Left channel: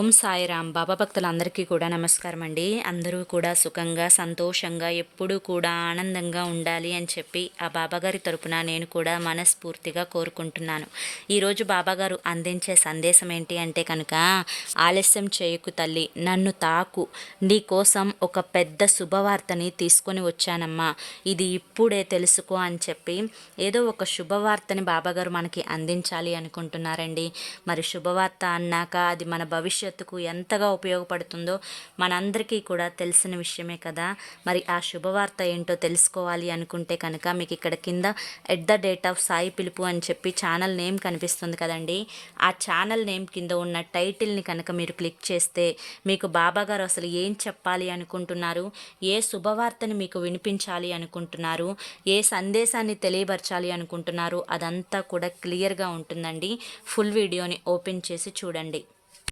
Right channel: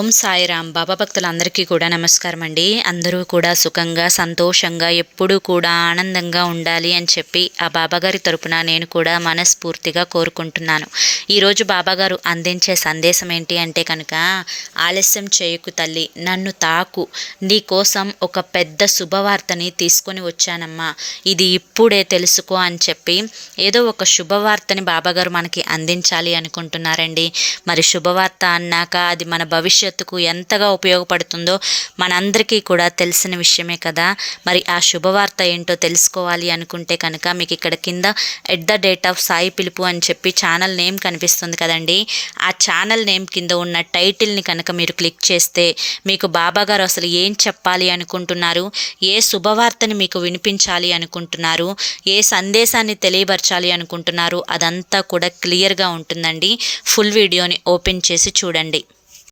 ఓం సాయిరామ్. బాబా భక్తులందరికీ కూడా నమస్కారం అండి. అందరూ కూడా సుఖంగా సంతోషంగా ఎప్పుడూ కూడా ఆనందంగా ఉండాలి అని చెప్పి ఆ బాబాగారి తరపున నేను కూడా మనస్ఫూర్తిగా కోరుకుంటున్నాను. ఈరోజు బాబాగారు అందించే సందేశం ఏంటి అంటే కనుక, ఆలస్యం చేయకు తల్లి, నన్ను తాకు, నీ కోసం ఒక పెద్ద శుభవార్తని తీసుకొని వచ్చానమ్మా, ఇది ఇప్పుడే తెలుసుకో అని చెప్పి ఏదో ఒక శుభవార్తని బాబాగారు మనకి అందించాలి అనుకుంటున్నారండి. మరి శుభవార్త అన్నాక అది మన భవిష్యత్తుకు ఎంతగా ఉపయోగపడుతుందో మనందరికీ కూడా తెలిసిన విషయమే కదా. మరి ఆ శుభవార్త ఏంటో తెలుసుకోవాలి అనుకుంటే కనుక మీకు ఇక్కడ కింద @సాయి పిలుపు అని చెప్పి ఛానల్ నేమ్ కనిపిస్తుంది కదండి. ఆ ఛానల్ నేమ్ కింద ఉన్న టైటిల్ని కనుక మీరు క్లిక్ చేస్తే మీకు బాబాగారు అసలు ఏం చెప్పాలి అనుకుంటున్నారు, ఏ శుభవార్తని మీకు వినిపించాలి అనుకుంటున్నారు, ఏ సందేశాన్ని తెలియపరచాలి అనుకుంటున్నారు, అదంతా కూడా క్లియర్గా ఉంటుందండి. ఫుల్ వీడియోని ఓపెన్ చేసి చూడండి.